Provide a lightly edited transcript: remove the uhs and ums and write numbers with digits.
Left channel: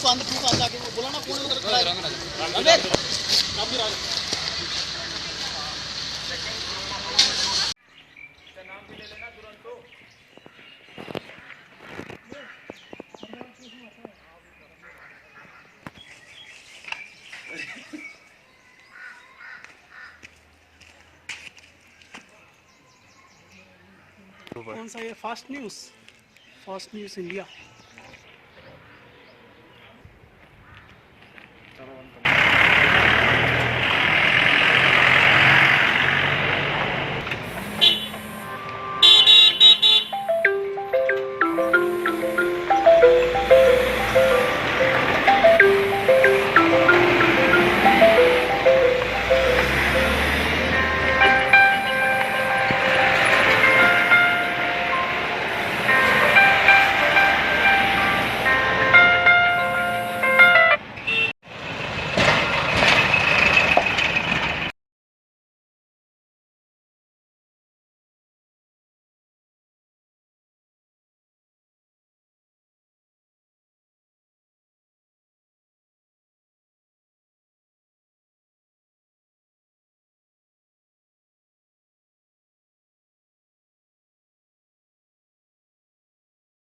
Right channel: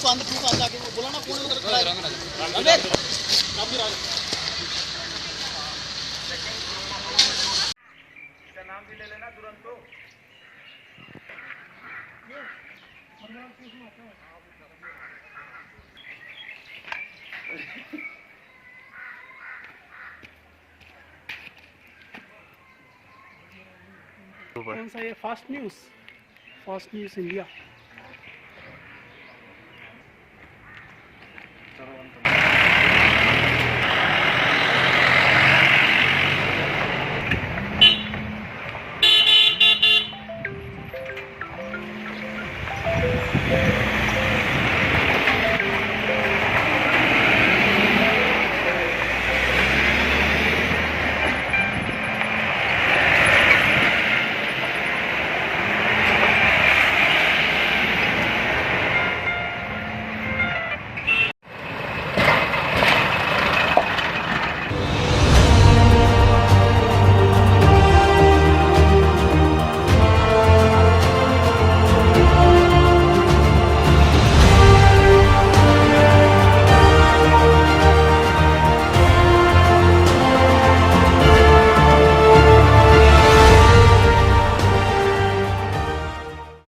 उसको अंदर आके बोला ना कौन उधर खड़ा है नाम भी ले लेना तुरंत तो कौन सा ये फास्ट न्यूज़ इंडिया।